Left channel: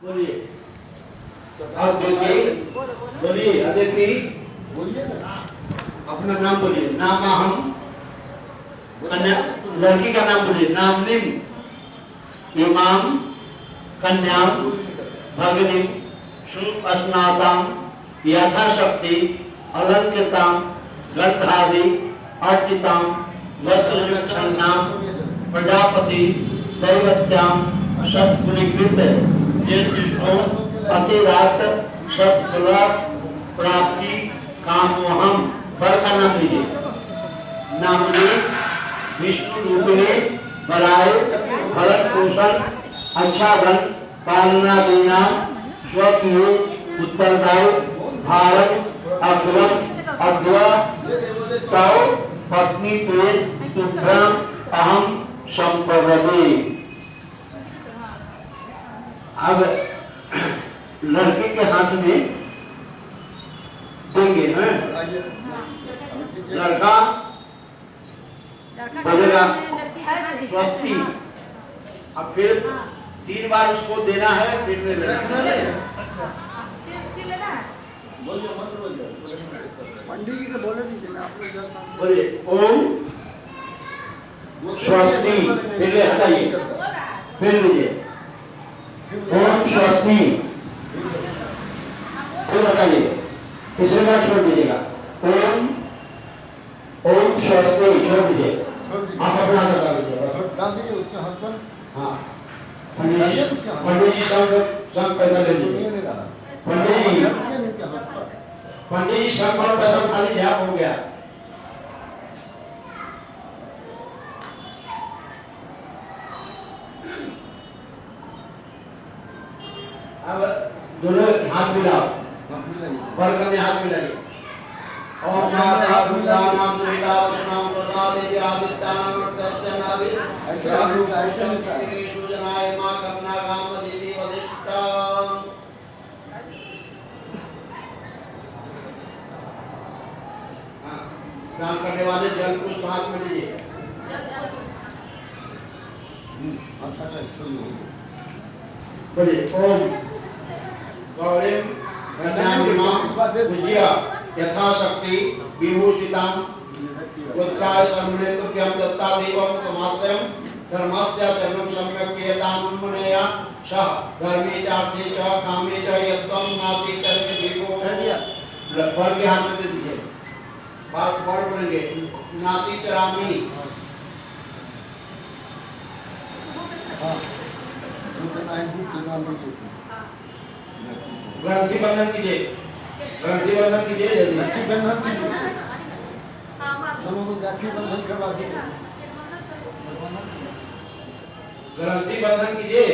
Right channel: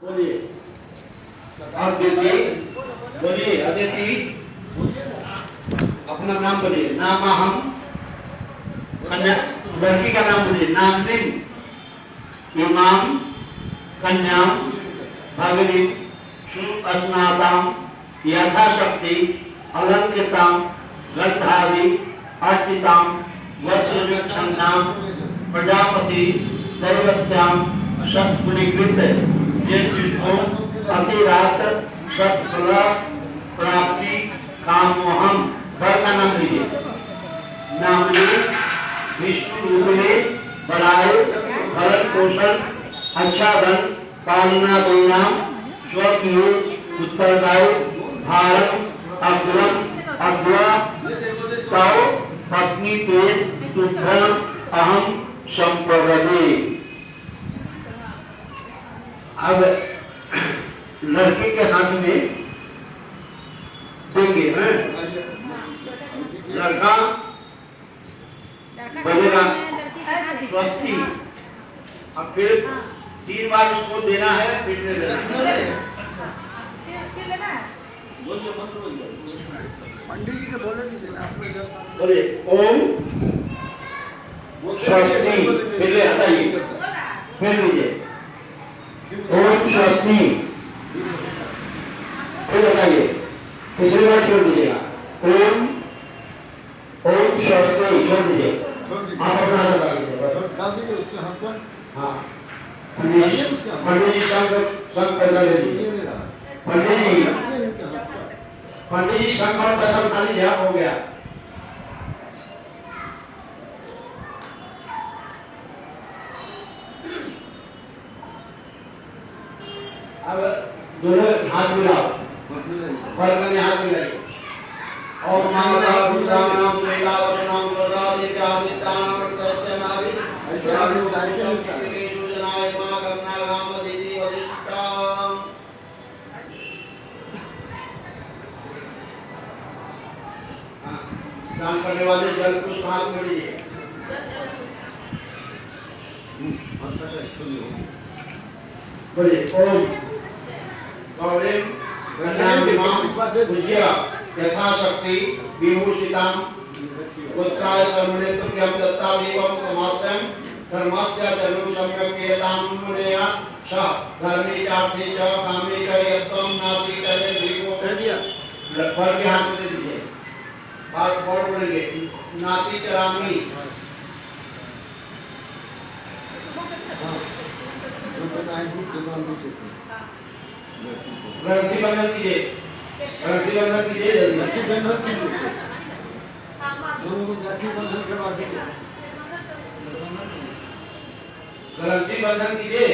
बोलिए। बोलिए अदिति, अपना नाम बोलिए। नाम हम कन्या लड़की का नाम बोलिए। नाम निम इमाम कन्याम भगिनी सुस्नाताम यथाशक्ति अलंकृताम गद्धादि अर्चिताम वस्त्रविच्छन्नाम प्रजापति दैवत्याम सत्पुनीकृत जिष्णु अतिरात सत्फल प्राप्ति कामोहम। वर का नाम लीजिए। नामने विष्णु रूपिणे बलाय भरण पोषण अच्छा धन पालना देना स्वकीय उत्तरदायी भारत अग्रम अग्र तव पत्नी प्रेत तुभ्रम अहम संप्रदे। अब लड़के के हाथ में देंगे हैं। लड़का बोलेगा स्वस्ति। अब फिर 3 बार उसको देना है, फिर लेना है। बोलिए ओम स्वस्ति। फिर ले हटाइए, फिर लीजिए ओम स्वस्ति। फिर हटाइए, तीसरी बार छोड़ दीजिएगा। ओम ओम स्वस्ति छोड़ दीजिए। आप अपना हाथ लगा लीजिए बस। हाँ पंडित जी संग पैसा ले लीजिए। पंडित जी संग पैसा उठा लीजिए। हो गया। अब दोनों हाथ मिलाओ, वर्ग में हाथ मिलाइए। ओम नाम नाम सुविधा वचनाम प्रदादि आदित्यानाम प्रत्यनाभि ऐसानु दर्शन सूचनाय मां गंगा गाम दीदी वरिष्ठा। दान करने वाले जल को हाथ में लीजिए। बोलिए ओम गौरीम भुजिया यथाशक्ति विभूषिताम उत्काय शर्मणे तुभ्यं दत्तादेवं समाप्तं धर्मस्य चरणं सम्यक् क्रियतां मुनया सह धर्मे चार्थे च कामे च यत्त्वं नाति करे जीवो। फल के हाथ में दे दीजिए। बात बोल बोलेंगे नाति चरामी। ग्रंथि बंधन कीजिए, ग्रंथि बंधन कीजिए जल्दी। ग्रंथि बंधन कीजिए, ग्रंथि बंधन करवा दीजिए। ग्रंथि बंधन कीजिए।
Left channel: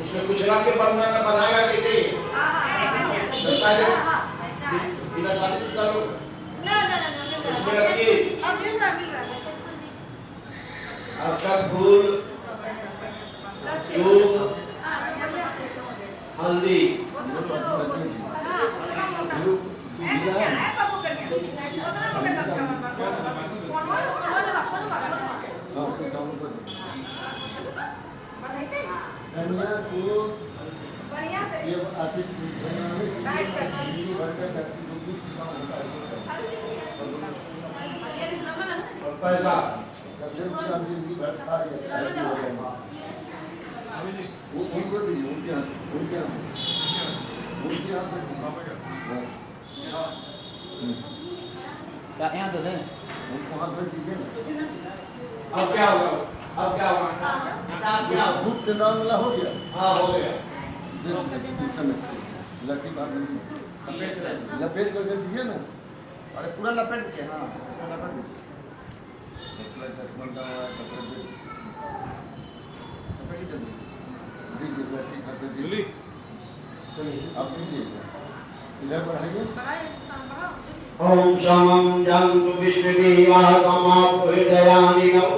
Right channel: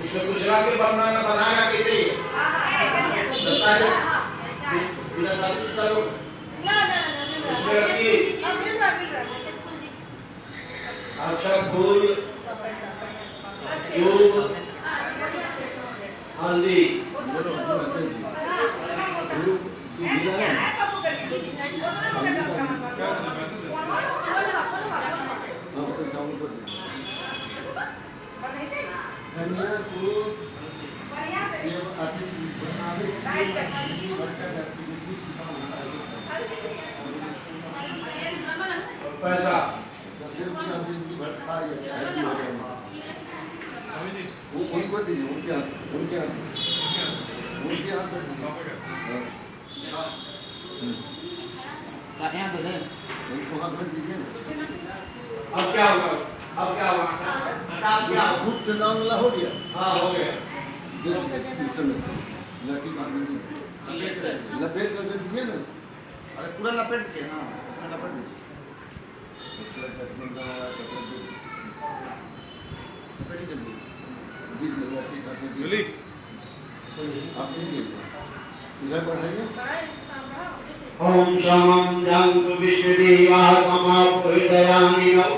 उसमें कुछ रंग के बंधन बनाएगा कैसे? बिना शादी करो। इसमें रखिए अक्षर फूल दूध हल्दी। पैसा उनको दीजिए, उनके हाथ यहाँ तो दें, उनको हाथ में दीजिए ना। अब क्या होगा? अब क्या होगा? हटा क्या? गुप्त नाम ला हो गया। हाँ हो गया। लपेट कर दे दीजिए ना। अरे पूरा लपेट के। हाँ लपेट दीजिए। ओम शमं जंतु विष्णुदेवाः समापुहितयानिनौ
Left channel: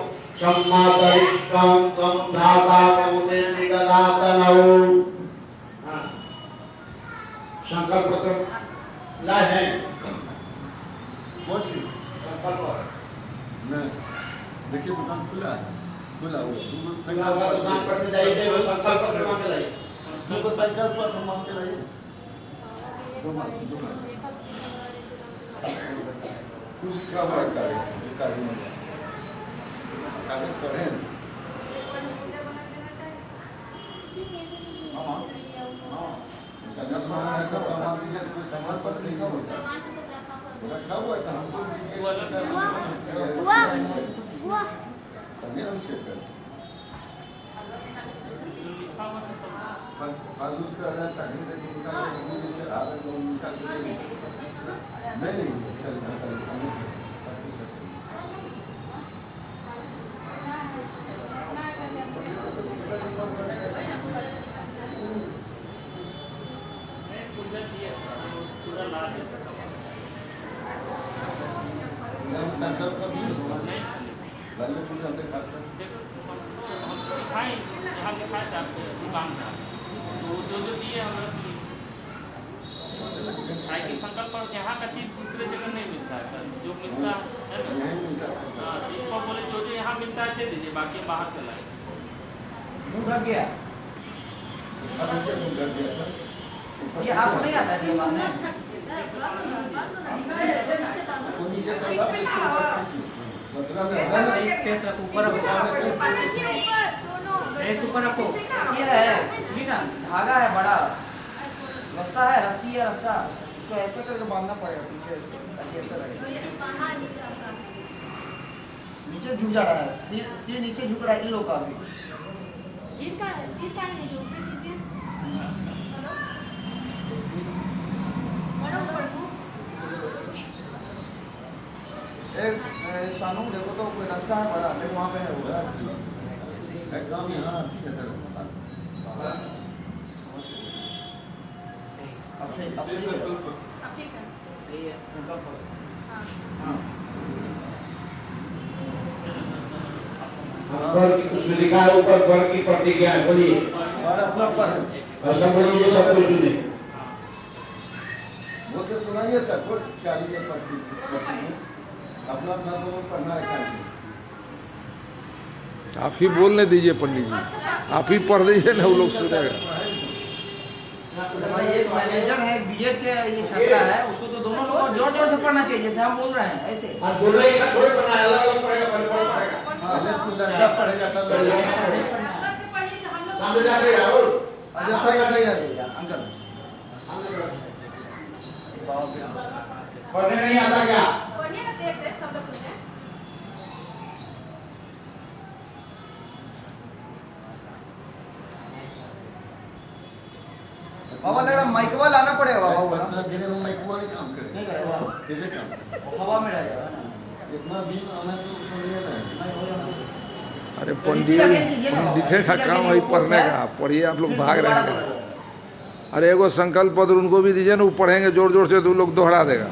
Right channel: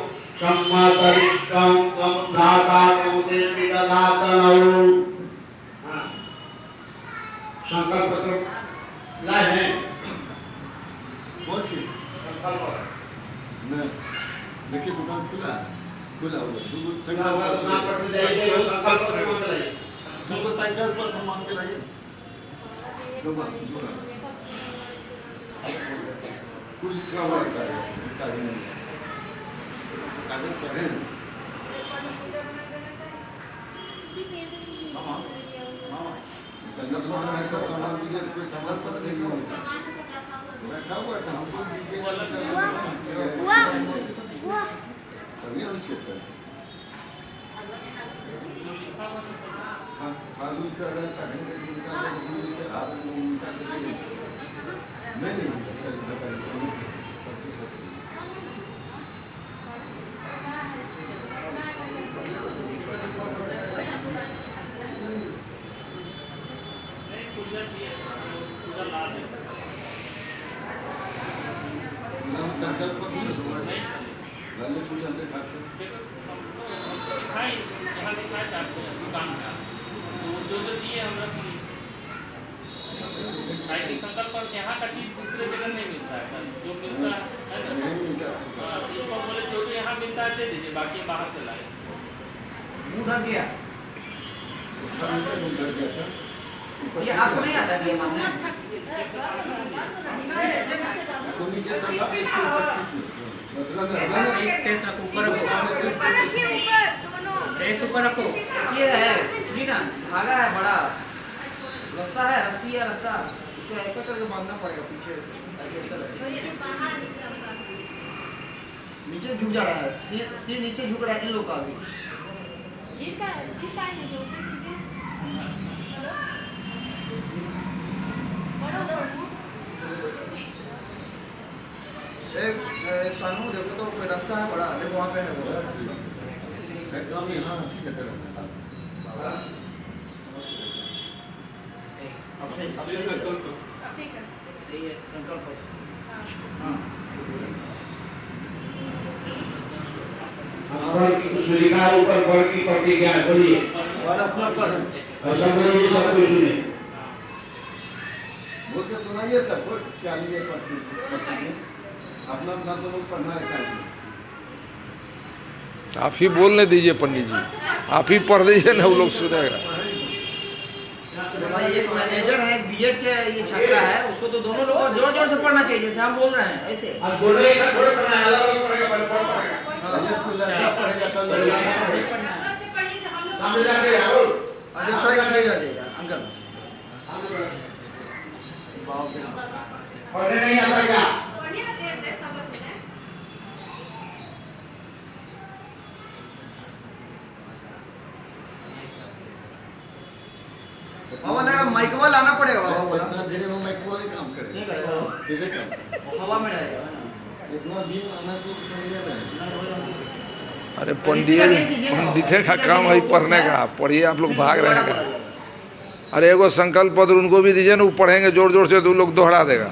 सम्मातरिष्टं तं दातानं निर्मितदातनौ। संकल्प पत्र लाए हैं। संकल्प देखिए दुकान खुला है, खुला हुआ दुकान पर से जाइए वो संकल्प पत्र मांग के लाइए। तुमको साइकिल पर तुम मांग के लाइए दो बार कुछ क्या हुआ कागज पढ़े संगत में ऐसा सामान दीजिए कोई सामान पत्र नहीं होता रखा हुआ था हमको फालतू का अगर पहले का जिनका नहीं दुकान का तो जो दिए हम रख लिए। संकल्प पर यहाँ का चीज दूसरे जगह नहीं मिलता है सर, जो मिलता है ना इसको बोले जो यहाँ मिलता है दे दीजिए, बाकी बाहर से लाए। ये आपको नहीं आता ये बात है? ऊपर रखो। ये है ना धागा है बड़ा, रस्सा है, रस्सी है रस्सा, उसको ऐसा करके बांधना पड़ेगा पीछे से, ऐसा लगेगा। नीचे झुक जा रहा है, सिर नीचे झुक रहा है इन लोग का भी। एक स्वानु देखो तो कोई रस्सा है बड़ा, देखो वहाँ पे है वो एकदम यहाँ उसमें लिखा है ऊपर बर की प्रतिज्ञा है, बोलिए अपना पर है ऐसा बोलिए सब कुछ सुने। बोल के सुनाइए सबको क्या लिए अपना अपना दोनों पढ़ना है। आप ही बोलने दीजिए पंडित जी, आप ही पढ़ दीजिए ना, वो लोग सुनेगा। एक मैनेजर है, बीएड के ये छात्रा है, उसको तो दोनों लोगों को जोर जोर से पढ़ना चाहिए, जैसे हम बोल रहे हैं ऐसे। बोलो एक साथ थोड़े पढ़ना है, अलग अलग पढ़ेगा, पढ़ेगा लड़का पढ़ेगा तब सामने जाके राहुल सही सही आ जाएगा अंकल। पढ़ने नहीं आता क्या? बाबा लग रहा माइकवा लाना पड़ेगा बाबा, बोला इतना जगह में माइक वाले काम करे नहीं करेगा, कैसे काम हवा में रहेगा इतना भी आना से समझ में नहीं। अरे पंडित का काम है पढ़ने का, पढ़िए आप लोग भाग रहे हैं। अरे एगो संकल्प पत्र उनको भी दीजिए ना, वो पढ़ेंगे जोर जोर से तो लोग दोहरा देगा।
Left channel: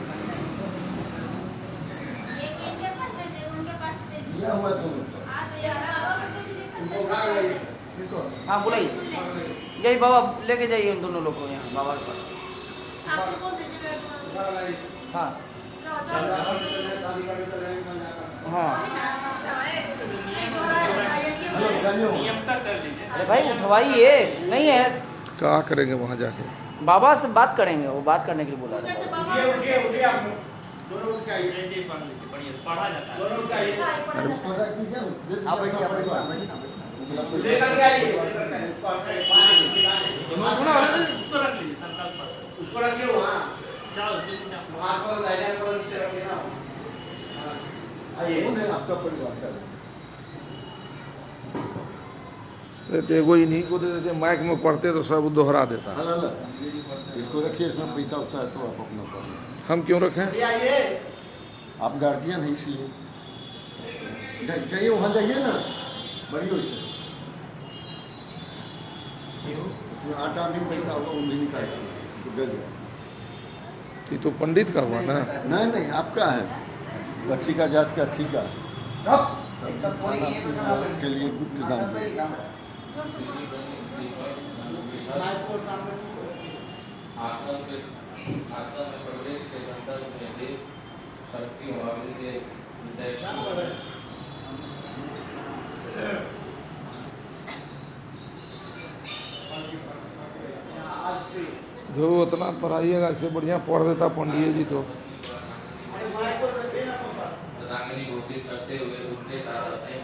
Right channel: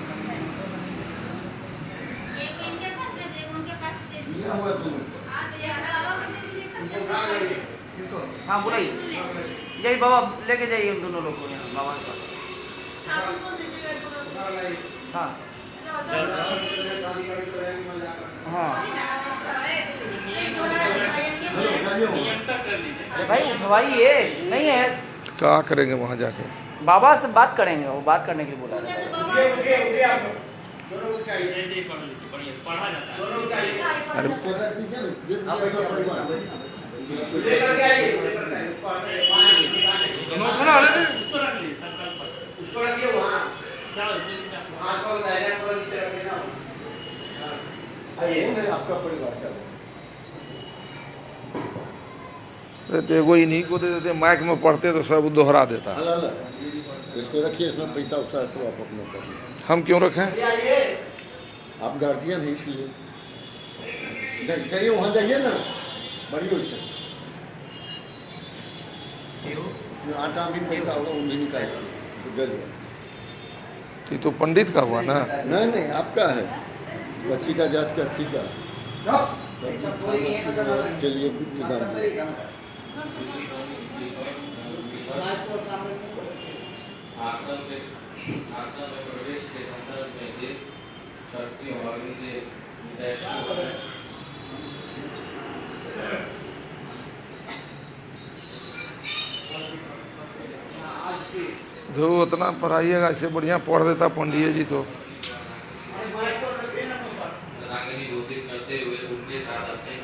हाँ बुलाइए, यही बाबा लेके जाइए उन दोनों लोग को यहाँ बाबा के पास। हाँ हाँ नियम तक कर लीजिए। अरे भाई उठवाइए, नहीं है क्या करेंगे वहाँ जाके? बाबा से बात करेंगे, वो बात करने के लिए बोला था। पढ़ा जाता है। अरे लेकर के आइए, उसको रखिए वहाँ, हाथ पर दाहिने पर नीचे रखिए ना। आइए आपका परिवार का तो एगो इन्हीं को दे देते, माइक में पढ़ते तो सब दोहरा देता। इसको रखिए, इसमें पैसा उसा सब आप अपना कर। हम क्यों रखें? आप गार्जियन हैं इसलिए जाइए, वहाँ जाइए ना, बढ़िया उससे उसमें आटा भी पैसा होगा वो भी निकालेगा तो दे दो। ये तो पंडित का हुआ ना। नहीं नहीं आपका है, बच्ची का जांच का ठीक है के लिए प्रदान आश्रम में प्रवेश के संदर्भ में शक्ति और जो उतना पढ़ाइएगा इससे बढ़िया पढ़ देता पंडित जी तो। रंगनी घोषित करते हुए उनके साथ अपने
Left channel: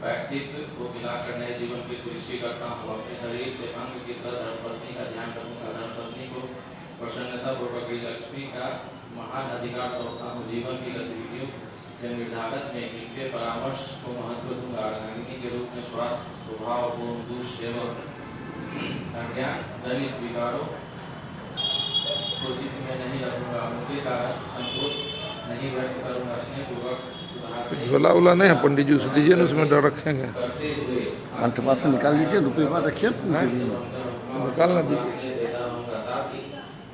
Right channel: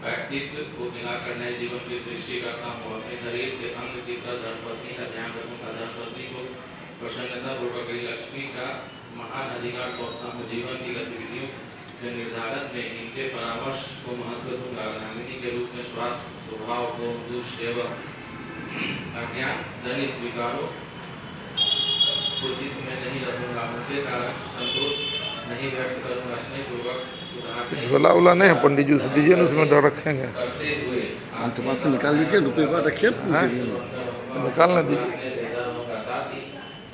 व्यक्तित्व को मिलाकर नए जीवन की सृष्टि करता हूँ। अपने शरीर के अंग की तरह धर्मपत्नी का ध्यान रखूंगा। धर्मपत्नी को प्रसन्नता पूर्वक लक्ष्मी का महान अधिकार सौंपता हूँ। जीवन की गतिविधियों के निर्धारण में इनके परामर्श को महत्व दूंगा। रंगनी के रूप में स्वास्थ्य, स्वभाव को दुष्सेवा, अज्ञान, दलित विकारों को चित्त में नहीं रखूंगा। उनके कारण संतोष नहीं व्यक्त करूंगा। स्नेह पूर्वक झोला उला नहीं है पंडित जी, उसे दीजिए ना, उसमें डर रखेंगे। करते हुए अंतमा से निकाल दीजिए, रुपये पर रखिए। निकालना दीजिए। साथ ही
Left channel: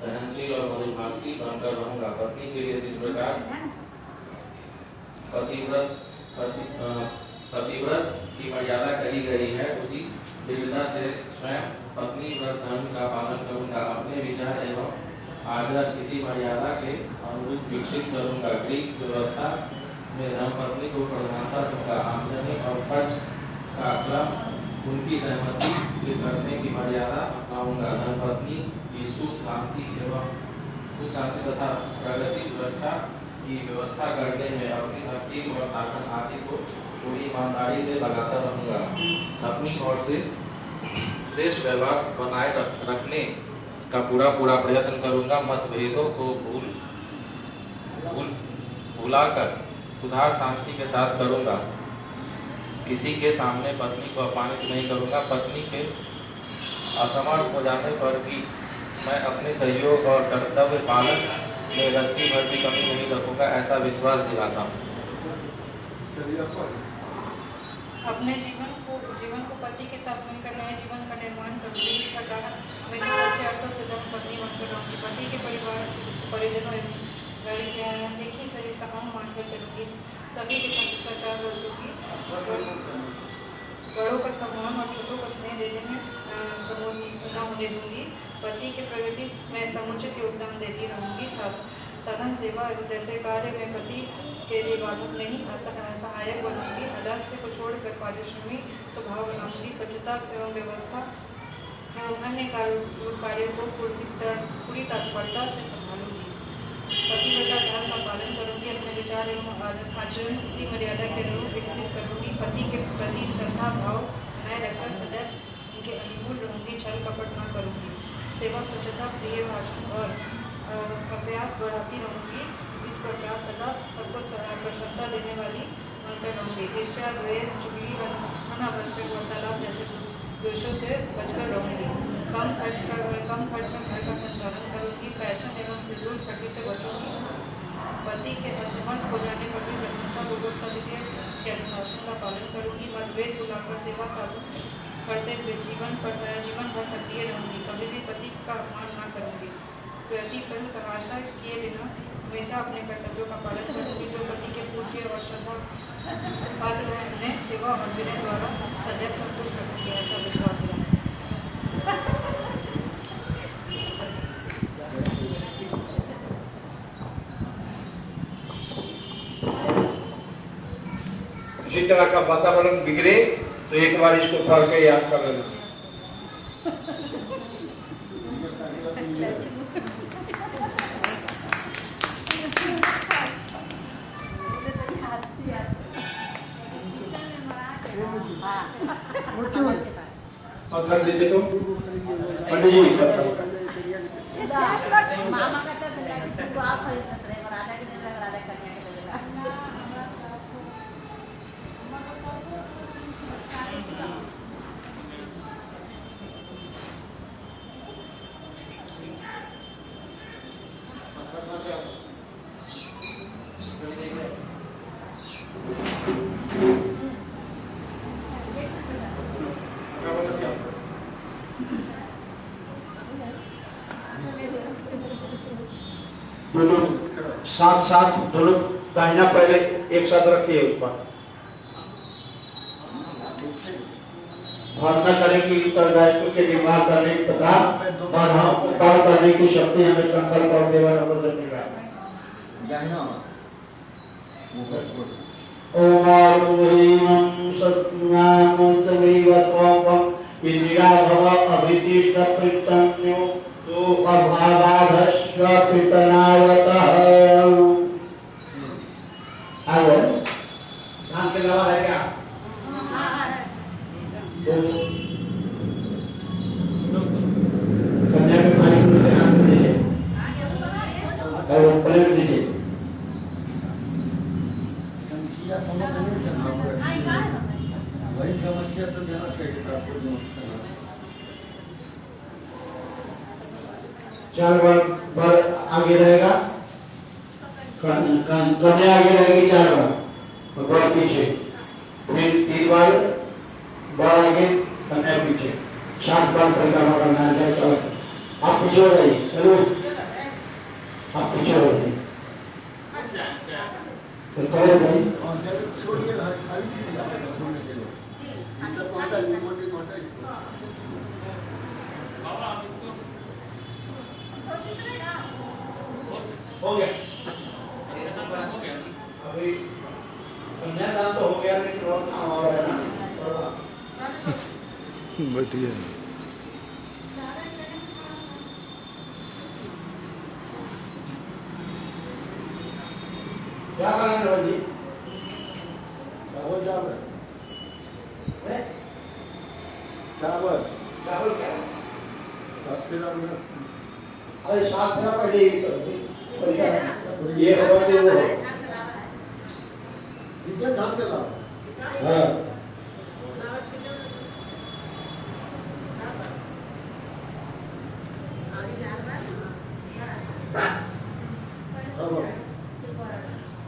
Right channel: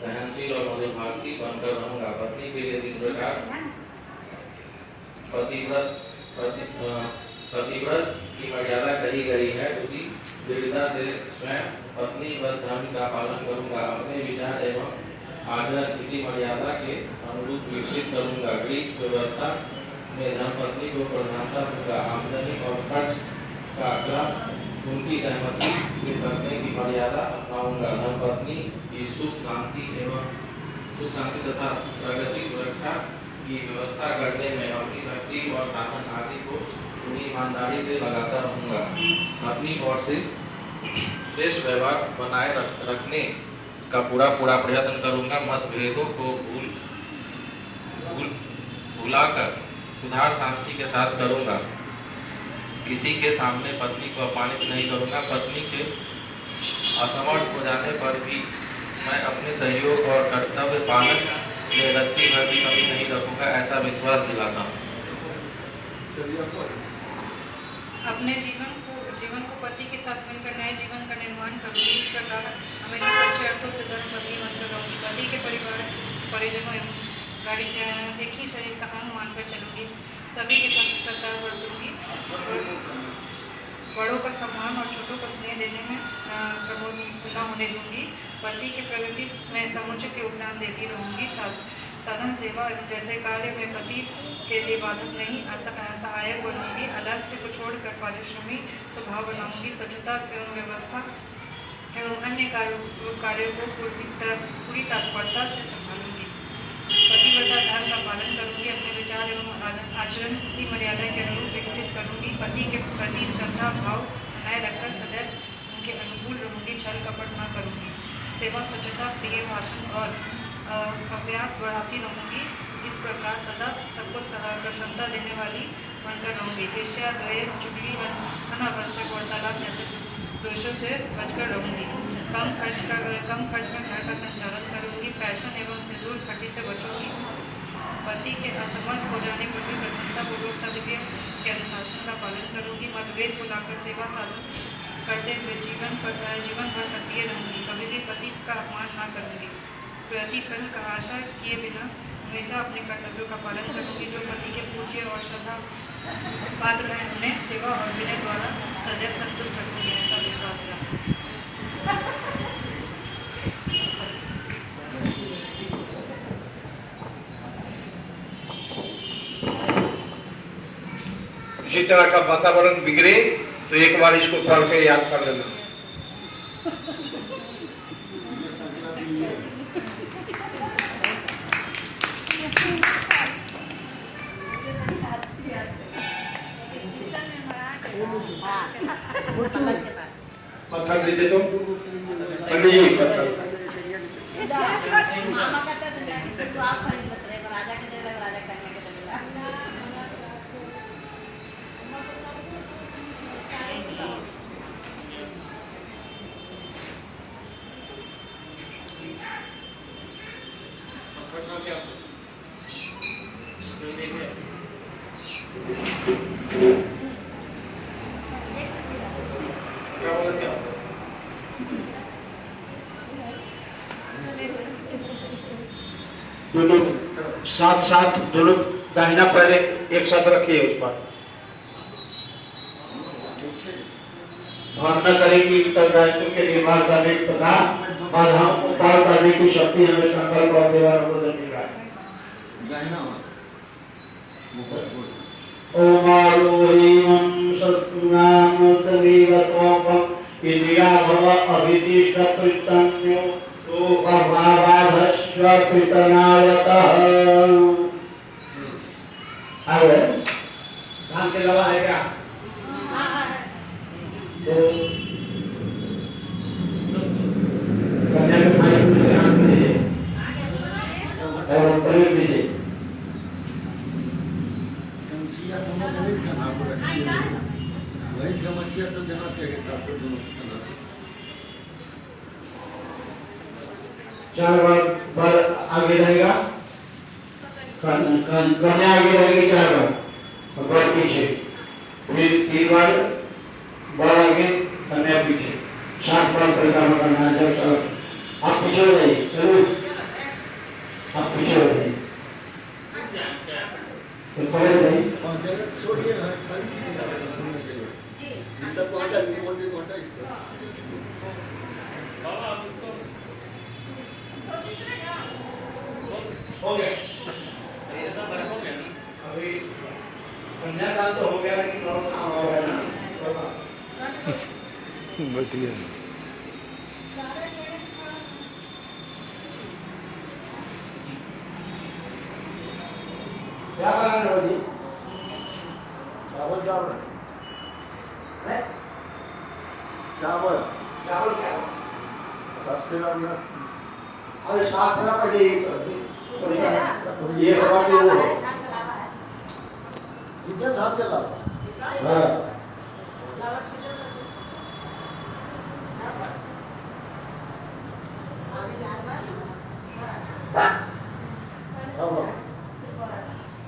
सहनशील और मधुभाषी बनकर रहूंगा। पत्नी के लिए जिस प्रकार पतिव्रत की मर्यादा कही गई है, उसी दृढ़ता से स्वयं पत्नी व्रत धर्म का पालन करूंगा। अपने विचार एवं आचरण किसी मर्यादा के अनुरूप विकसित करूंगा। ग्रीक व्यवस्था में धर्मपत्नी को प्रधानता दूंगा। आमदनी और खर्च का क्रम उनकी सहमति से करने की मर्यादा अपनाऊंगा। धर्मपत्नी की सुख शांति तथा प्रगति सुरक्षा की व्यवस्था करने में अपनी शक्ति और साधन आदि को पूरी ईमानदारी से लगाता रहूंगा। अपनी ओर से श्रेष्ठ व्यवहार बनाए रखने का पूरा प्रयत्न करूंगा। मतभेदों को भुलाकर सुधार शांति के साथ करूंगा। किसी के सामने पत्नी को अपमानित नहीं करूंगा। पत्नी के असमर्थ हो जाने पर भी मैं अपने सहयोग और कर्तव्य पालन में रत्ती भर भी कमी नहीं रखूंगा, ऐसा विश्वास दिलाता हूँ। अपने जीवन को पति के साथ मिलकर नए जीवन का निर्माण करूंगी। इस प्रकार हमेशा सच्चे अर्थों से धर्मपत्नी बनकर रहूंगी। पति के परिजनों एक ही शरीर का अंग मानकर चलूंगी। सभी के साथ शिष्टाचार बरतूंगी। बड़ों का सम्मान और छोटों को स्नेह देने में प्रमोद न होने दूंगी। पति के प्रगति में समुचित योगदान देती रहूंगी। साधन सेवा एवं जैसे कार्य में पति के लिए बाधक नहीं, सहायक बनूंगी। आलस्य को छोड़कर पारिश्रमी स्वभाव बनाऊंगी। स्वच्छता एवं व्यवस्था एवं अन्य कार्यों को पूरी तत्परता से संभालूंगी। पतिव्रता धर्म का पालन करूंगी। अपने विचार एवं आचरण उसी मर्यादा के अनुरूप विकसित करूंगी। पति के प्रति श्रद्धा भाव बनाए रखकर सदैव उनके अनुकूल रहूंगी। छल कपट न करूंगी। सेवा, स्वच्छता, प्रिय भाषण और अभ्यास बढ़ाती रहूंगी। इस प्रकार सदा सबको प्रसन्नता देने वाली बनकर रहूंगी। ईर्ष्या, द्वेष, चुगली, अनावश्यक वार्तालाप जैसे दोषों से बचकर रहूंगी। कम खर्च में घर का संचालन करूंगी। फैशन एवं फिजूल खर्ची से बचूंगी। पति के असमर्थ हो जाने पर भी प्रसन्नतापूर्वक सदव्य के अनुशासन का पालन करूंगी। मतभेद को लाकर सेवा साधन करते हुए जीवन भर सक्रिय रहूंगी। कभी भी पति का अपमान न करूंगी। प्रतिफल का आशा किए बिना हमेशा अपने कर्तव्यों का पालन करूंगी। जो पति के पूज्य और श्रद्धा पात्र है, उन्हें सेवा और विनय द्वारा सदैव संतुष्ट रखूंगी, ऐसा विश्वास है। इसी तरह का वातावरण बिगड़े तो एक बार इसको पढ़ के याद कर लेना। पत्थर दीजिए तो पंडित जी, पत्थर। मामा कहता था इसको आप खरीद सकते हैं, राजा के दे राजा कन्या के दे। दोनों साथ दोनों दाहिना पैर एक साथ रखिए उस पर। भावना करें कि उत्तरदायित्व के निर्वाह करने तथा बाधाओं को पार करने की शक्ति हमें संकल्प और देवानुमोदन मिला। ओमारूहीमं सत्नामुतमीवत्वं इंद्रिया भव अभिदिष्ट पृतन्यो तो अभावाधस्व पृतनायतः। आगे धान के अलावा है क्या? तो कन्याकुमारी में ध्यान दीजिए और प्रयोग दीजिए। वही समस्या तो जहाँ से चार बार आगे रहेगा, कन्या आगे रहेगी 4 बार और बार पीछे, फिर 3 बार आगे कन्या पीछे, 7 बार परिक्रमा करना है। जब चलो आप पीछे हो जाइए, चलो आप पीछे हो जाइए, तो पहले जाइए। छोड़िए हो गया अभी कन्यादान तो हो गया, लेकिन और काम और है ना। बैठिए। क्या करेंगे रोजी? चावल चावल हैं? चावल चावल क्या? अरे 7 दिन पहले ये सब्जी ये रोटी वो कितने धान के लाभ? हाँ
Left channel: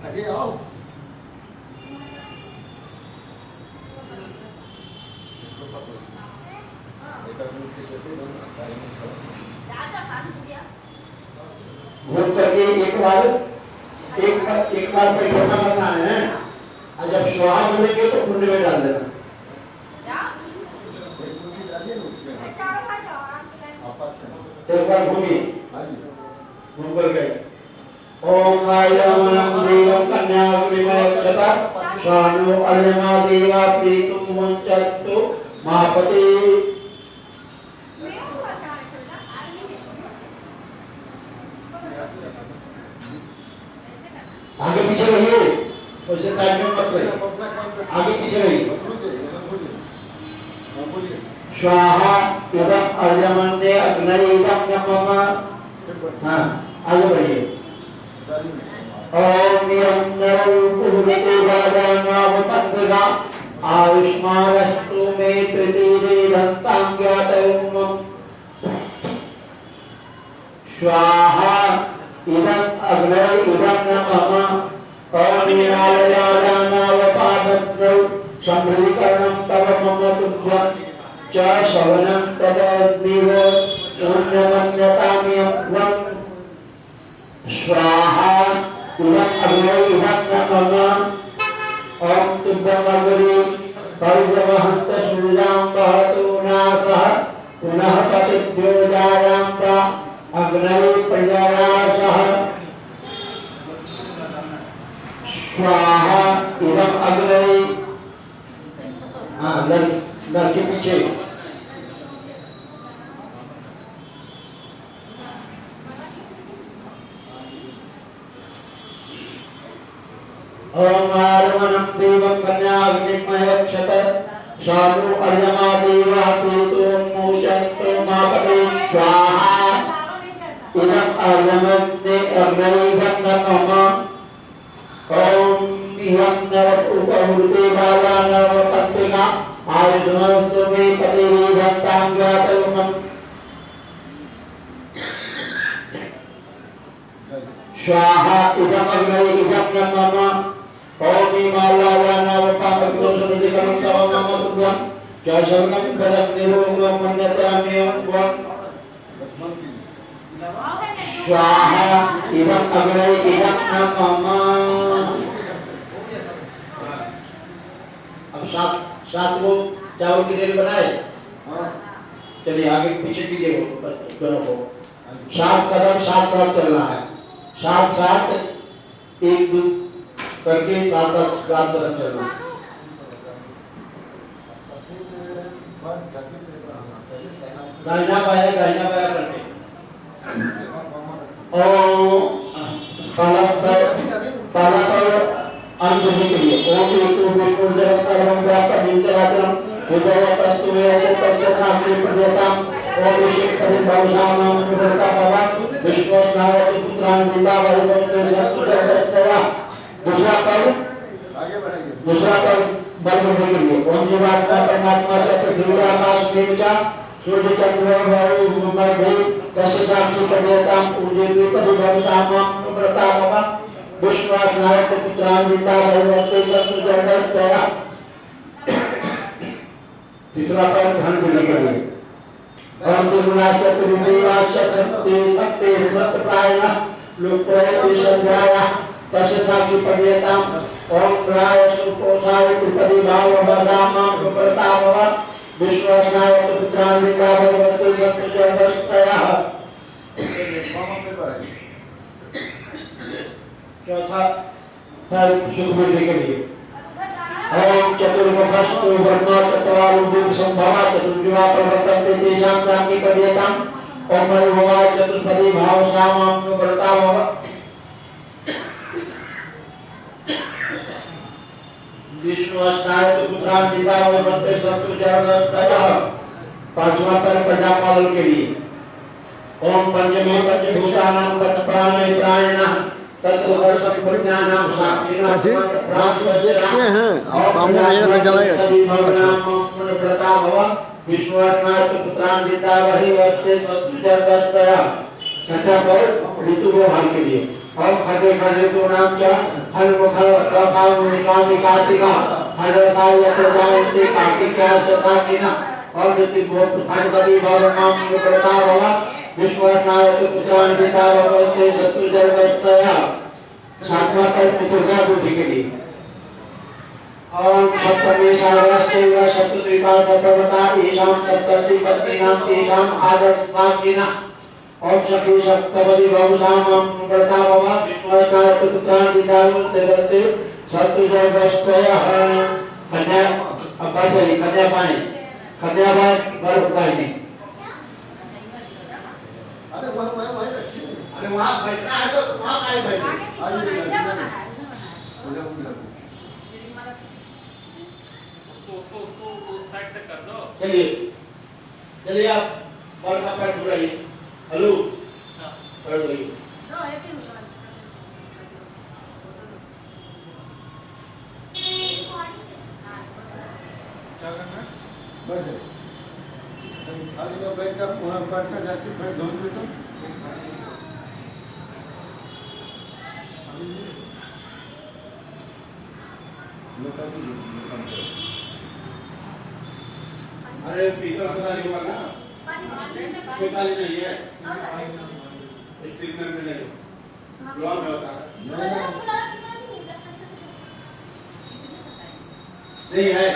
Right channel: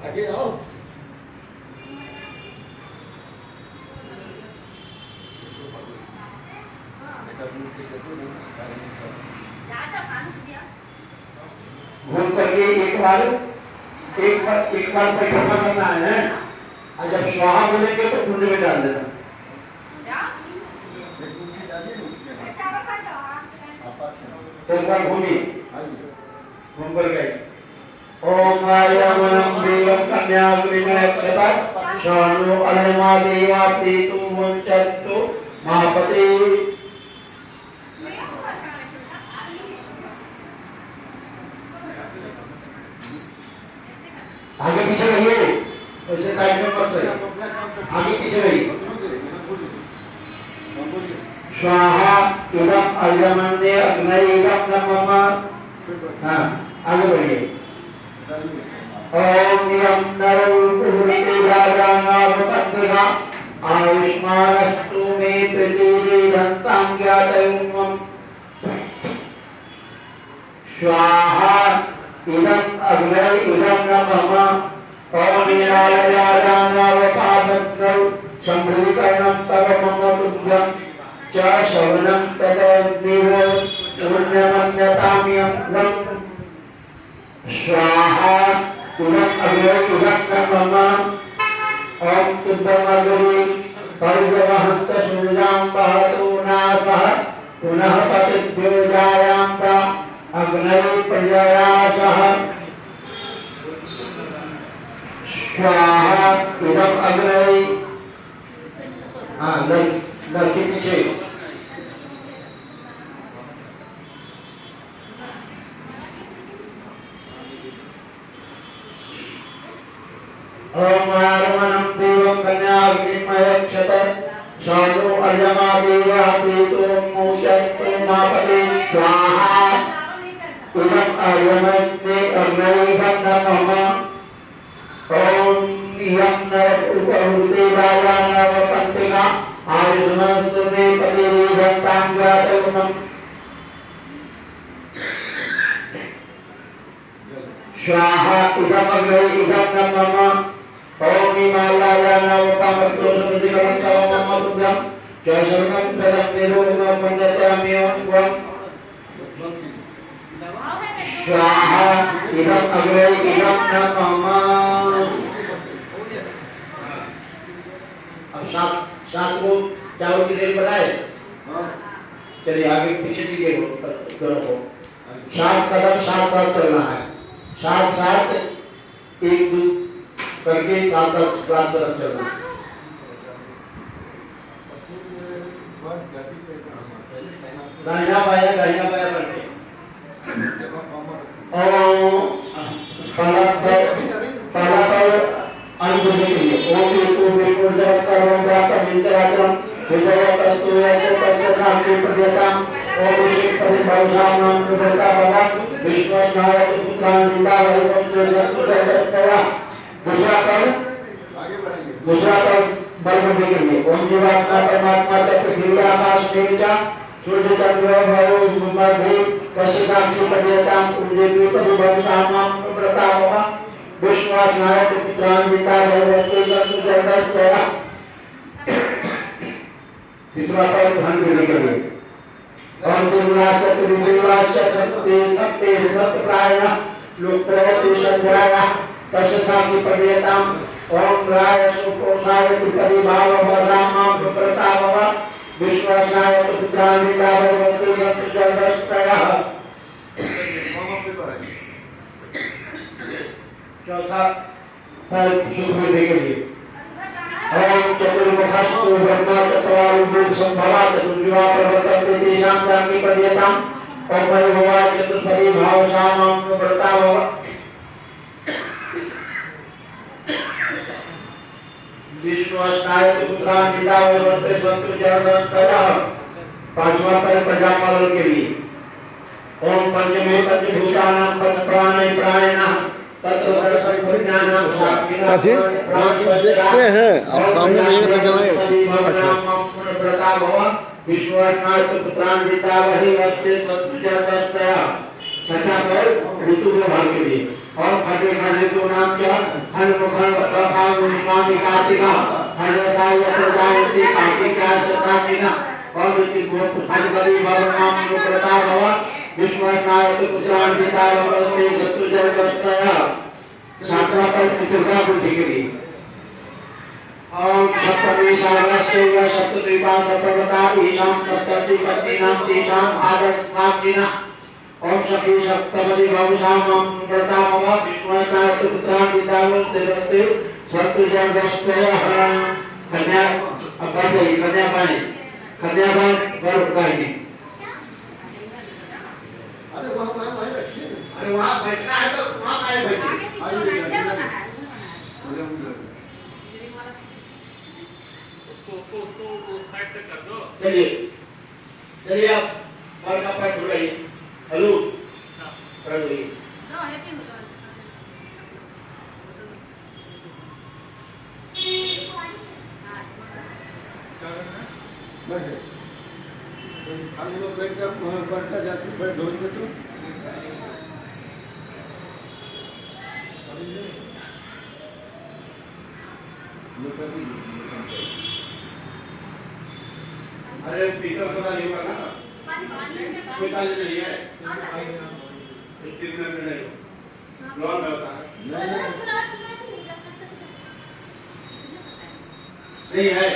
आगे आओ। घूम करके एक बार परिक्रमा करना है, और जब स्वाहा बोलेंगे तो कुंड में डाल देना। एक बार घूमिए, घूम करके ओम वायुमनं देवं कन्याग्निमयक्षता शानु अलिमा देवा प्रीतुं वंचत्तु महापति। आगे पीछे रहिए, उसे साइड में मत रहिए, आगे पीछे रहिए। स्वाहा इदं अर्यमन्ये अग्नयेदं नमः। हाँ आगे बढ़िए। ओम यं नरो कुरुते राजानावपत्रिका आयुष्मानस्तु मे प्रतिरेदन्तां ज्ञातयुग्मम्। स्वाहा इदं अग्नये इदं नमः। ओम नीलायानावपादत्रौ सम्भूकरणं तव मम तुभ्यं च शवनं तदग्निव पूर्णमन्यताम्यं त्वं। स्वाहा इदं अग्नये इदं नमः। ओम तुभ्यमग्नि पर्यवहन्त सूर्यां वहतु नासः पुनः पतिभ्यो जायान्त अग्नये प्रजयासः। स्वाहा इदं अग्नये। हाँ लड़के पीछे। ओम आरमणं देवं कन्याग्निमयक्षत शानु अर्यमा देवा प्रीतुं मोचन्तु मापते। स्वाहा इदं अर्यमन्ये अग्नयेदं नमः। ओम यं नर उपहूते राजानावपत्रिका आयुष्मस्तु मे प्रतिरेदन्तां ज्ञातयुग्मम्। स्वाहा इदं अग्नये इदं नमः। ओम हिमालयानावपादत्तो समितिकरं तव मम तुभ्यं च शरणं तदग्निरोगं मन्यताम्यं त्वं। स्वाहा इदं अग्नये इदं नमः। अब 7 को चावल की देरी बनाए। चलिए आगे पीछे कीजिए दोनों को। 7 कदम साथ साथ चलना है, साथ साथ 1 2 करके साथ साथ तरफ चलना। दाहिना पाया करके और पहला अनुभूति के लिए ओम एक बिल्कुल जगत सर्वं व्याप्त निचराचरम विजय तत्व ऐसे तस्य नाम के प्रदेशम ओम विशिष्ट परिभाषाम नाम प्रभुता बाबा विश्वनाथ पुत्रान निंदा वही वस्तु सत्य दूसरा पर वर्ग के लिए ओम जीवात्मा परमात्मा पृथ्वी आकाश देवता सूर्य चंद्र वायु मध्य तस्य साक्षी प्रदेशम उज्जैन परिभाषाम प्रभुता बाबा विश्वास नायक पुत्रान निंदा वही वस्तु सत्य तीसरा पर धन को लेकर और सत्य व्रत प्राय लोक संध्याया तस्य साक्षी प्रदेताम ओम प्राय सुपोषाय त्रिपदी भाव वदामां प्रतापव विश्वासनाय पुत्रान निकाय वस्तु सत्य चौथा फल सुख में देके लिए ओम चतुर्मुखस्तु ब्रह्मा चत्वारुः संभवा चतुर्युवा प्रवर्तन्ते तेषां साक्षी प्रदेताम ओम भगवाय चतुष्पदी भाव सामां प्रतापव विश्वासनाय पुत्रान निकाय वस्तु सत्य पांचवा पर प्रजापालन के लिए ओम पंचमे पंचभूतानां पंचप्राणै प्राणिनः देखते हैं आप सामने नहीं विश्वनाथ पुत्रान पिता वही वस्ते सत्य छठा पर ऋतु व्यवहार के लिए और खटे खटे तो नाम क्या हल मुखल स्वामी कार्तिका हल साय प्रजायते कार्तिका साकिना और ऋतु फटकरी भव नाम प्रता भव विश्वनाथ पुत्रान पिता वस्ते सत्य सातवां पर चतुर्था बुद्धि के लिए ओम सप्तमी सागरस्यैव सप्तद्वीपा सप्तवता ईशां सप्तति पत्नीनां तेषां आदर्शाकिना ओम सखी सप्तपदी भवसामां प्रतापव विश्वनाथ पुत्रान पिता वस्ते सत्य कन्या अब बढ़ गई कन्या पाए कन्या पर उठाएंगे वहाँ बैठना है तो वहाँ आए बैठे उसको साइड से कर दो। चलिए आप बाल का पैर छुड़ाइए हेलो कर दो खाली लोग बैठ कर बैठ कर जाती फिर धोनी में तो अरे पीकर सुना नहीं हुआ ना कोई ताली नहीं है स्टील में नहीं लॉन में होता है नहीं है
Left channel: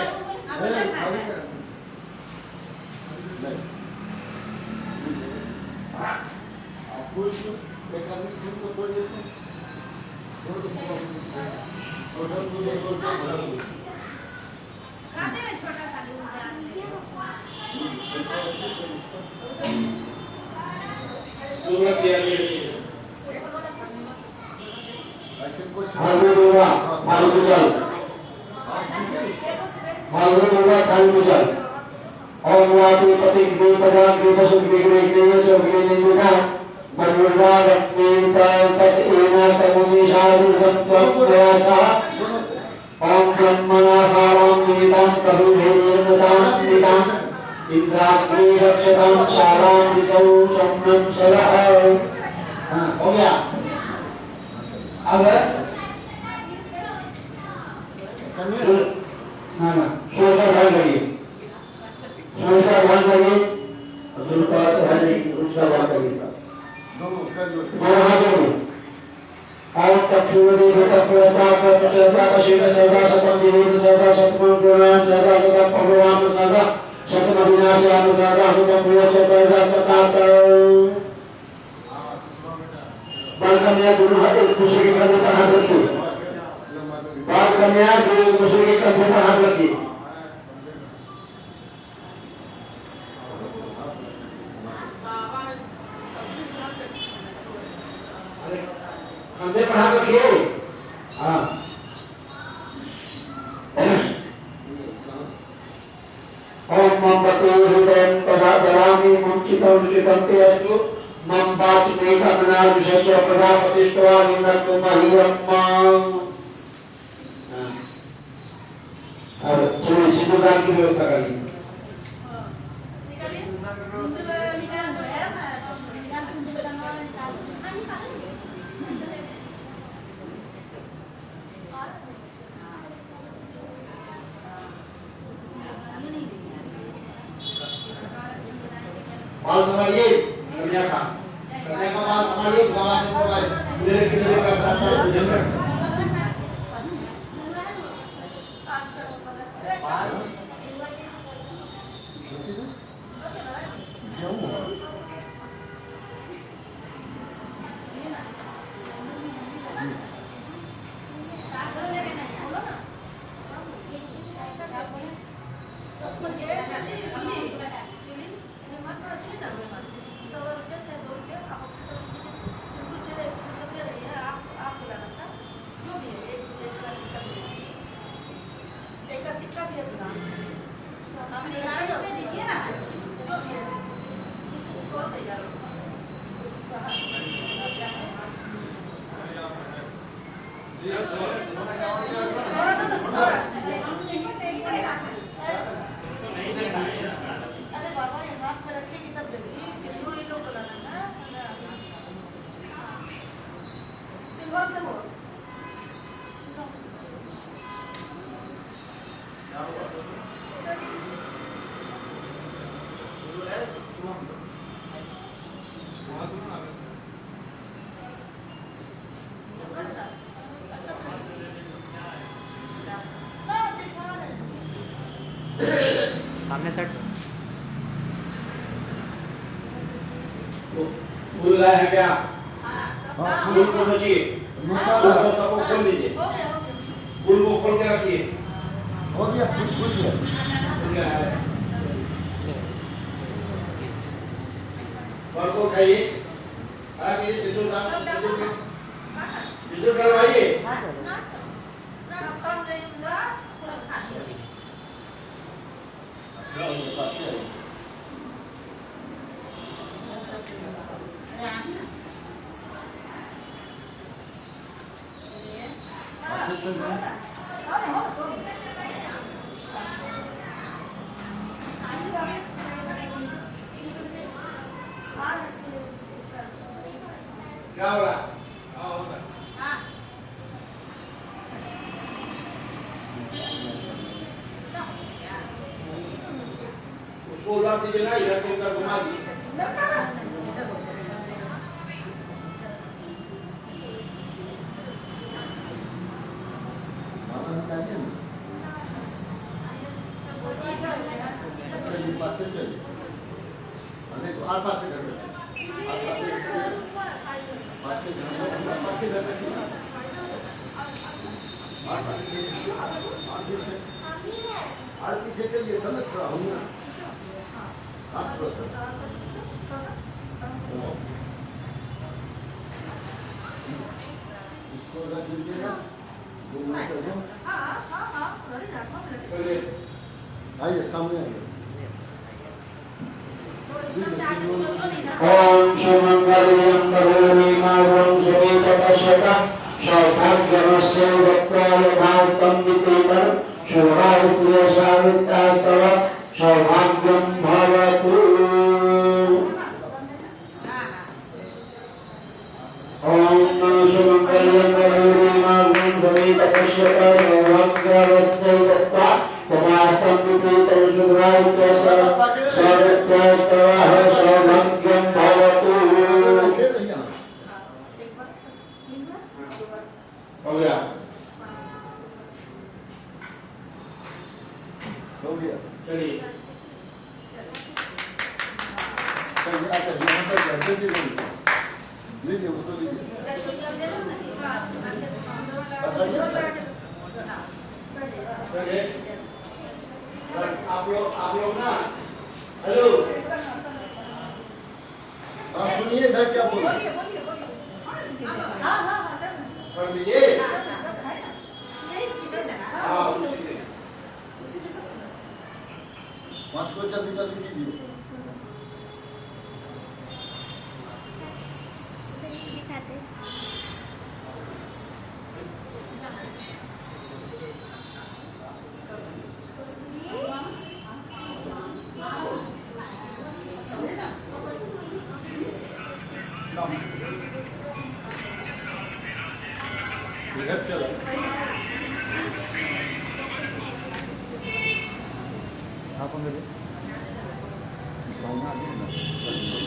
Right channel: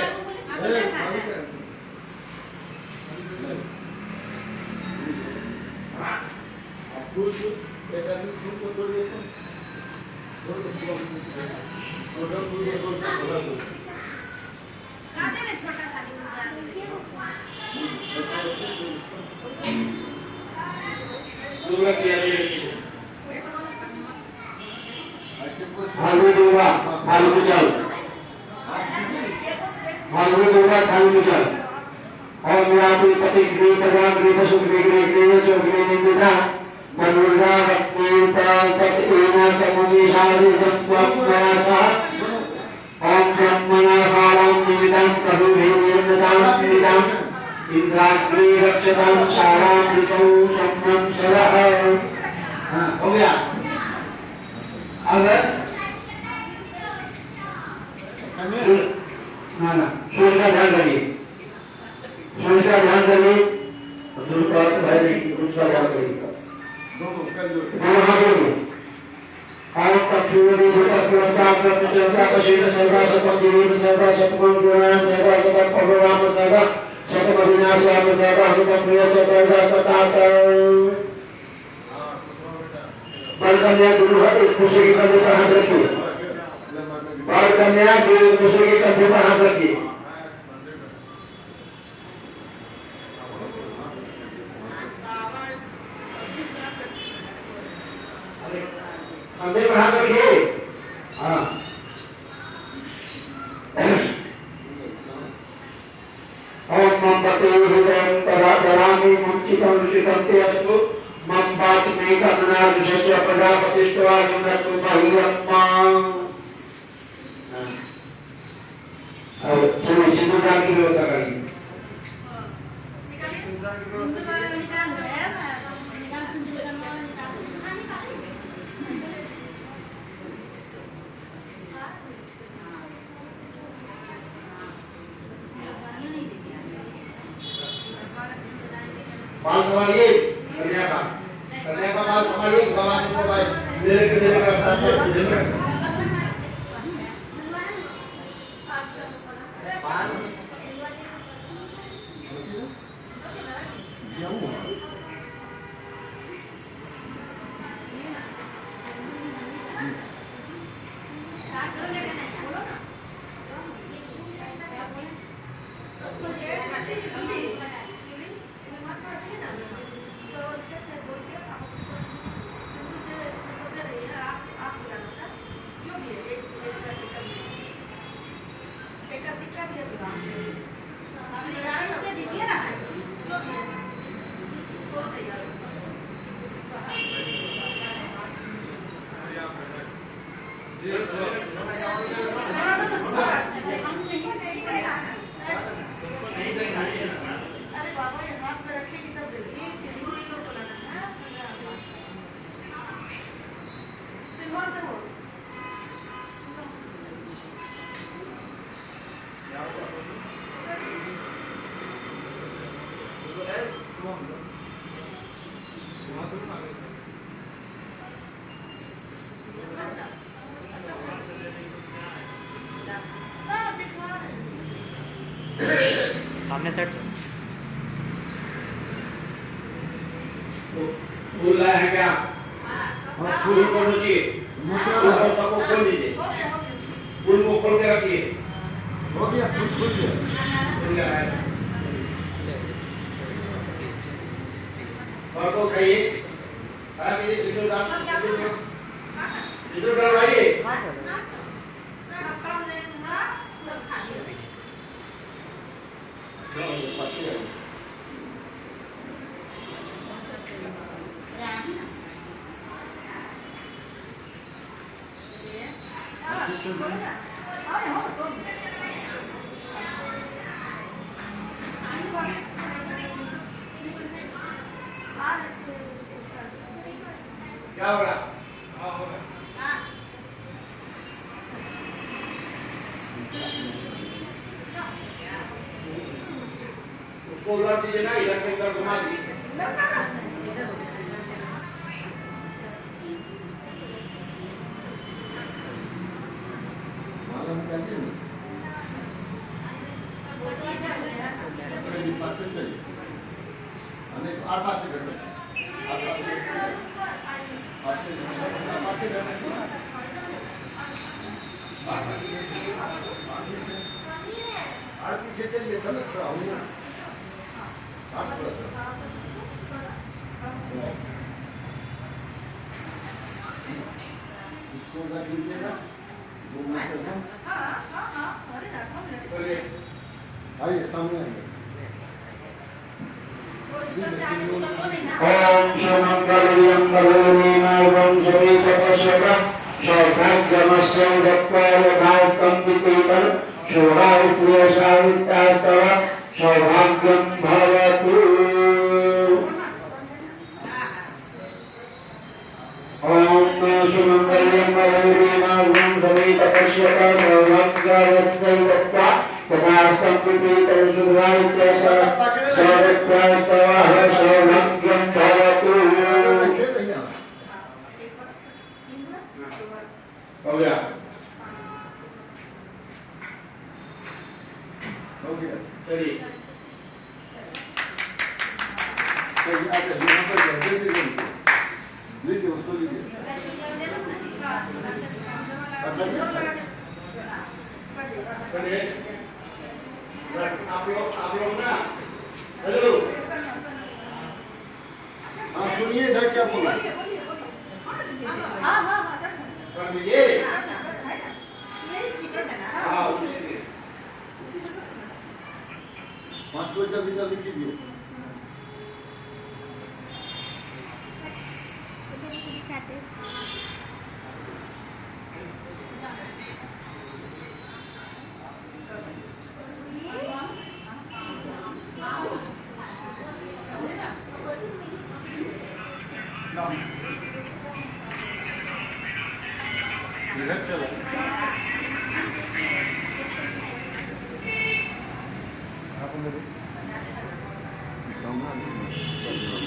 हो गया अब सूर्य का ध्यान करिए सूर्य का ध्यान करिए सूर्य का ध्यान करिए उसका ध्यान करिएगा दोनों हाथों में और तक्षुरी भूतपुरस्ता प्रचलता पशील सर्वा सतम जीवित सर्वा सतमं गुणान सर्वा सतम भगवान सर्वा सतम विनाशान सर्वा सतम प्रिय सर्वा सताता बलकन्या गुरु है एक दूसरे की तरह हाथ रखिए बाल कन्या एक दूसरे के कंधे पर हाथ रखिए। कंधे पर हाथ रखिए। हाँ ओम मम पते हृदयं परापरामि मुंचितं रुचितं अस्तु मम पाति मे करुणा विशेष प्रजापतिष्ठवा निम्नतु मह्यम्मा। और चलिए सिंदूरदान की व्यवस्था करिए। बाल संभालिए कन्या का बाल संभालिए। बाबा को भाई मेरे के लिए करता है सामने सेट फूल लाए हैं क्या? फूल को नोचिए, सबको खोल दीजिए, फूल को खोल के रखिए। हो गया फूल गया। और को उठाइए, सिंदूर डलवाइए। क्या हो रहा? उसको उलट दीजिए ना, इधर से उधर घुमा दीजिए। आइए सामने आइए। ओम शमंगलयं बलोनीमावं समेतपश्यका सौभाग्यमस्य दत्त्वायभास्तं विपेतं शोभाविप्रियसावितास्तव सौभाग्यं भवतु। ओम शमंगलयं बलोनीमावं समेतपश्यका सौभाग्यमस्य दत्त्वायभास्तं विपेतं शोभाविप्रियसावितास्तव सौभाग्यं भवतु। हो गया? हो गया। चलिए यहाँ पर लीजिए उसको लीजिए। चलिए आप लोग ना हेलो हाँ सुनिए इधर क्या बोल कर दीजिए हाँ 5 को जल्दी जल्दी कीजिए इधर चला आप मेरे सामने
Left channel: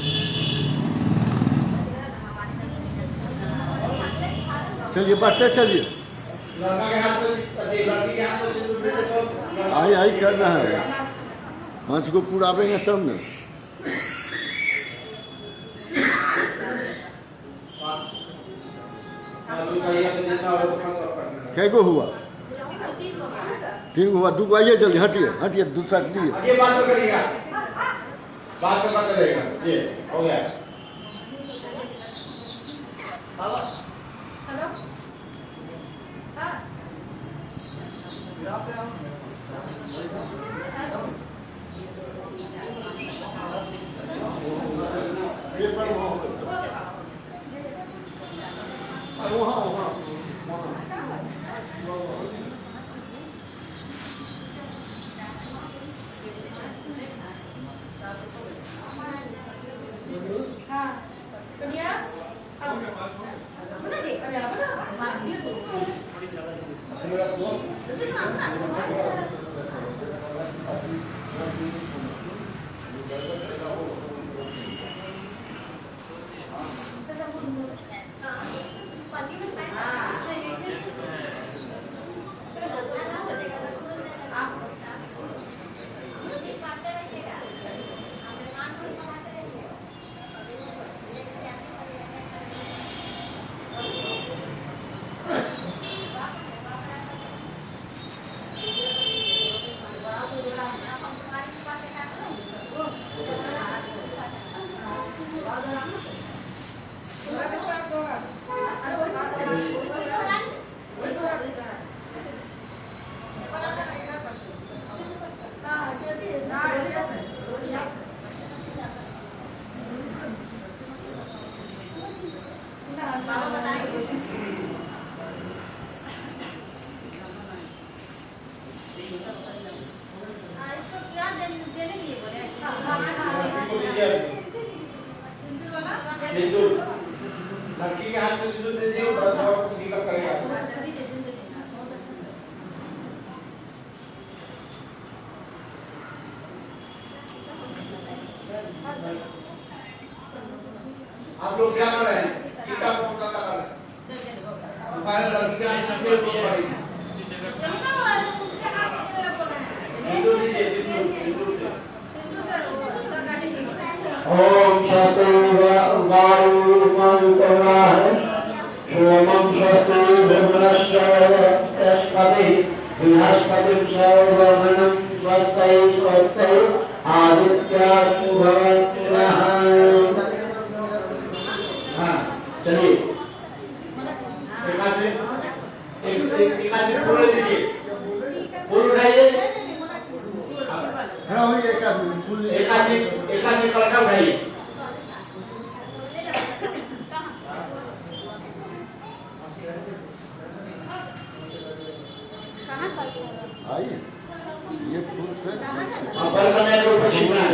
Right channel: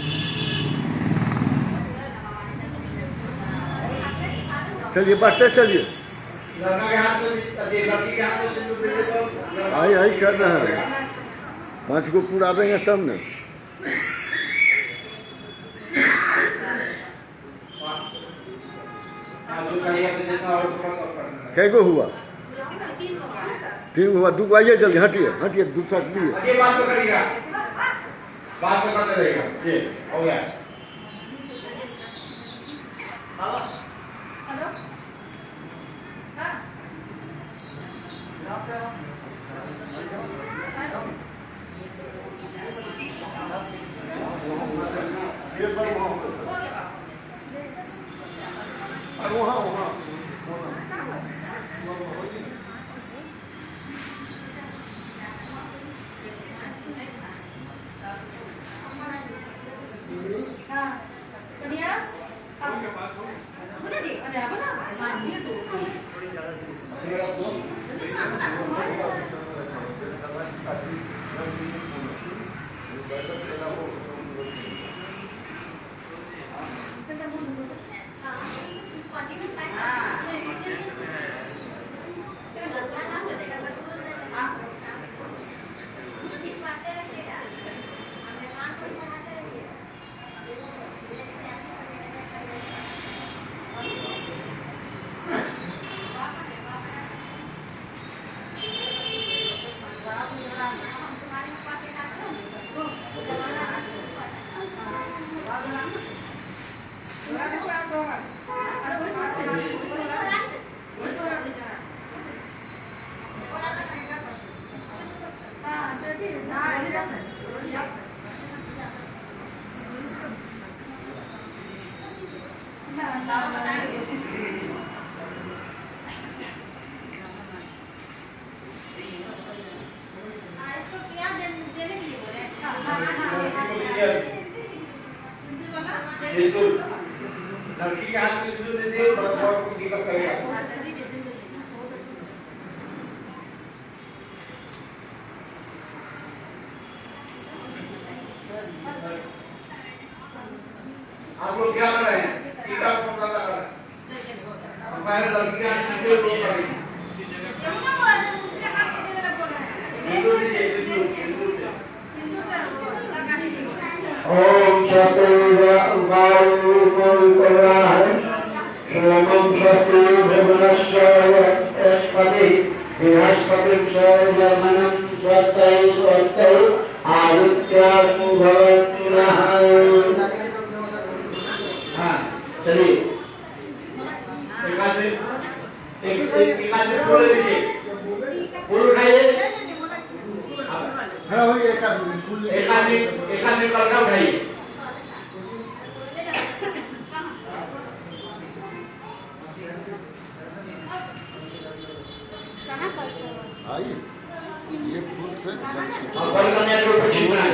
चलिए बढ़ते चलिए लड़का के हाथ में लड़की के हाथ में सिंदूर दीजिए तो आई आई करना है 5 को पूरा देंगे तब न कै गो हुआ 3 हुआ 2 को आइए जल्दी हटिए हटिए दूसरा दिए ये बात तो करिएगा बात तो करते रहेगा ये हो गया और वहाँ सिंदूर लड़की के हाथ में सिंदूर दे दिए बस और गिव करेगा आप लोग क्या कर रहे हैं टीका कौन सा कर रहे हैं पहले लड़की के हाथ में सिंदूर पड़ेगी सिंदूर दीजिए सिंदूर ओम स्वस्ति वायुमंगलाय सोमं स्वस्ति भुवनस्पति बृहस्पति सर्वमनं स्वस्ति स्वस्ति आदित्यास्तु भवत्याः हाँ चलिए एक हाथ में फूल लीजिए फूल उठाइए हाँ वही एक आदमी कलका उठाइए आइए ये फूल से बल कन्या के ऊपर छिपना है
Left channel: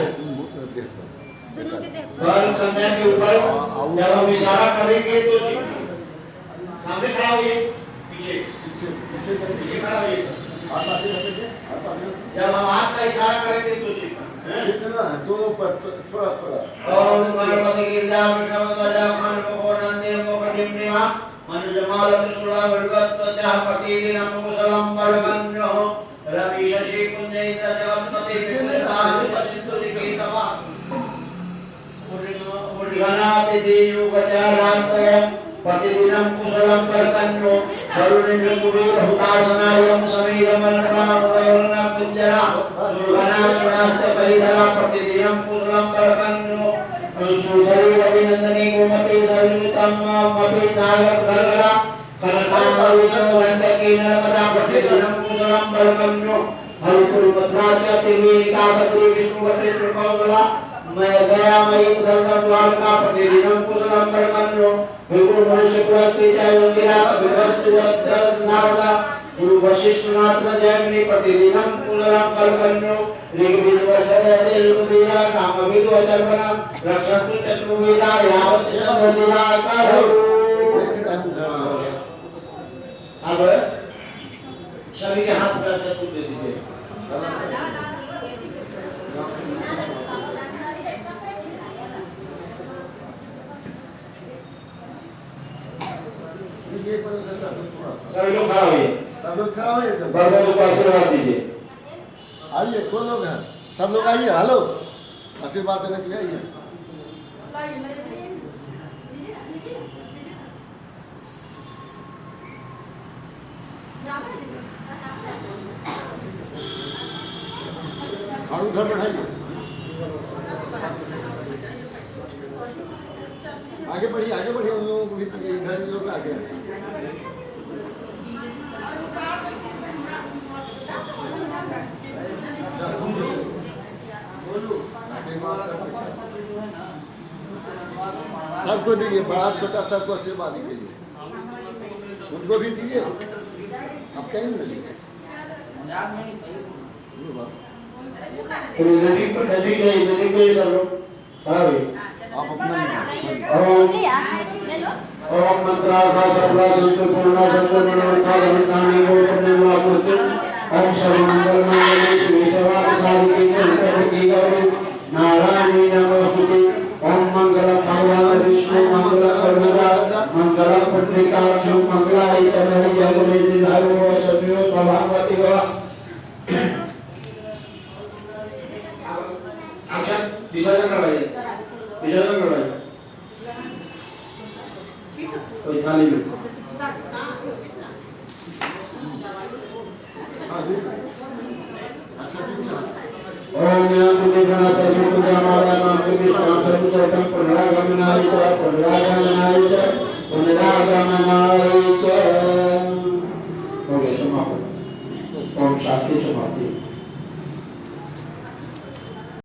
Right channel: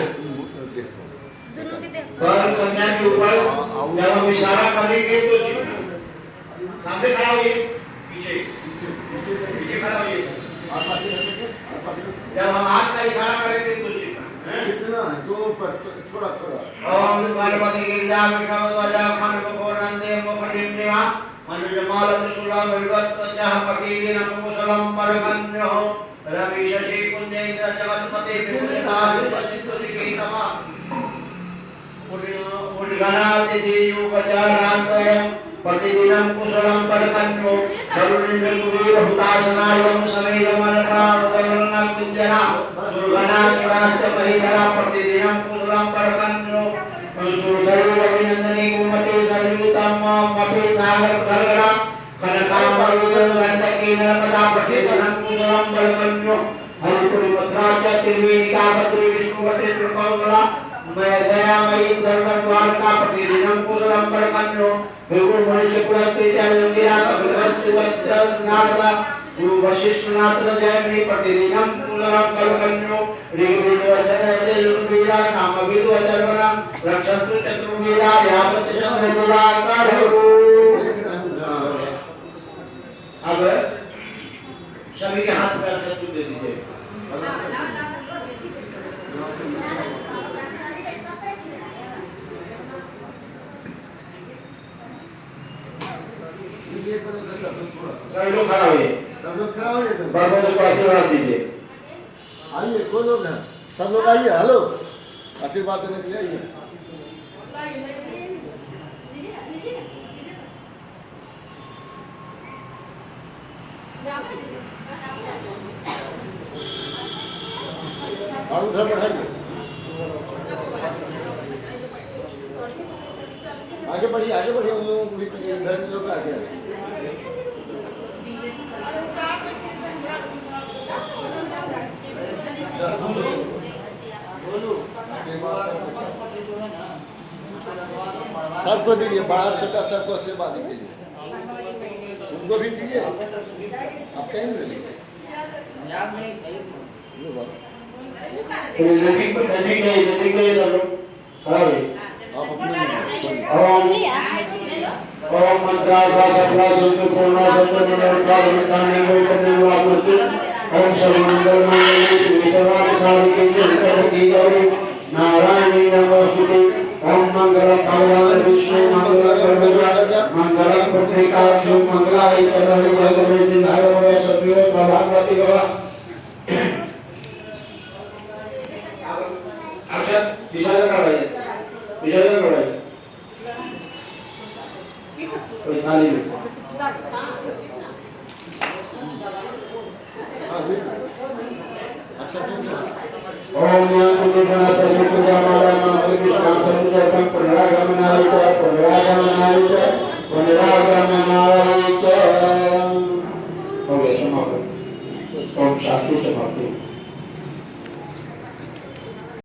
बल कन्या के ऊपर जब हम इशारा करेंगे तो छिपना सामने खड़ा होइए पीछे खड़ा होइए जब हम हाथ का इशारा करेंगे तो छिपना दोनों पर थोड़ा थोड़ा ओम पार्वती गिरिजा विक्रमध्वजा खनकोरंदे मोकटिंदिमा मनुजमाल सुला वर्गत्वजः पतिदिनं कुशलं वर्गन्यो रवि शशि पुण्यैन्द्र जगत्पति विपुलकालिपचित्तलिखितमा उद्गणातिथियुगजानान्वयं प्रतिदिनं कुशलं वर्गन्यो करुणेन्द्रकुबेर हुतासनायं समीरमलकावरणं कुञ्जरा दुर्गणाश्च परिधरा प्रतिदिनं कुशलं परकन्नो सुशरीरविनन्दने गोमते सयुतं मपि सागरधरा कनकामयी गण्डकी नर्मदा प्रतिदिनं कुशलं परकन्नो हरिपुरी मथुरा च त्रिवेणिका बद्री विष्णुवटे त्रिकौकला मैं गया मई उधर द्वारका प्रतिदिनं कुशलं परकन्नो गुरु मनुष्य कुलस्ते जय योगिरा भगवती वत्सनारदा गुरु वशिष्ठनाथ जयमणि प्रतिदिनं कुशलं परकन्नो ऋग्वेद वचने योगवीरा सामवेद वचर्वणा रक्षन्तु चतुर्वेदा यावत् शब्ददिरा करो। अब सभी के हाथ में शत्रु दे दीजिए। सभी लोग खड़ा हुए, सब लोग खड़ा हो जाए। बाबा जी को आशीर्वाद दीजिए। आइए, कौन लोग हैं? सब लोग आइए। हेलो, आशीर्वाद देने के लिए आइए। और उधर बैठाइए। आगे बढ़िए, आगे बढ़िए। उन लोगों को भी इधर के लोग आगे सबको दीजिए, बड़ा छोटा सबको आशीर्वाद दीजिए। उनको भी दीजिए। आप कहीं नहीं दीजिए। नदी के सब लोग खड़ा हुए। आप अपने ओम मंत्रा सर्वा संत पूर्णा संत मनोरथा विदाने को करने वाला ओम सर्वमंगल मंगले शिव सर्वार्थ साधिके शंकरकी गौरी नारायणी नमोस्तुते ओम मंगल भगवान विष्णु मंगल कर्मजा मंगल पत्रिकाक्षु मंगलाय चरहि जगमे दिधायो सभ्यो भगवती गवा अच्छा विसर्जन करवाइए, विसर्जन करवाइए। कोई थाली में ओम ज्ञान बुद्धि ज्ञान सर्व पूजा माला नाम पूज्य शाम सर्व कर्म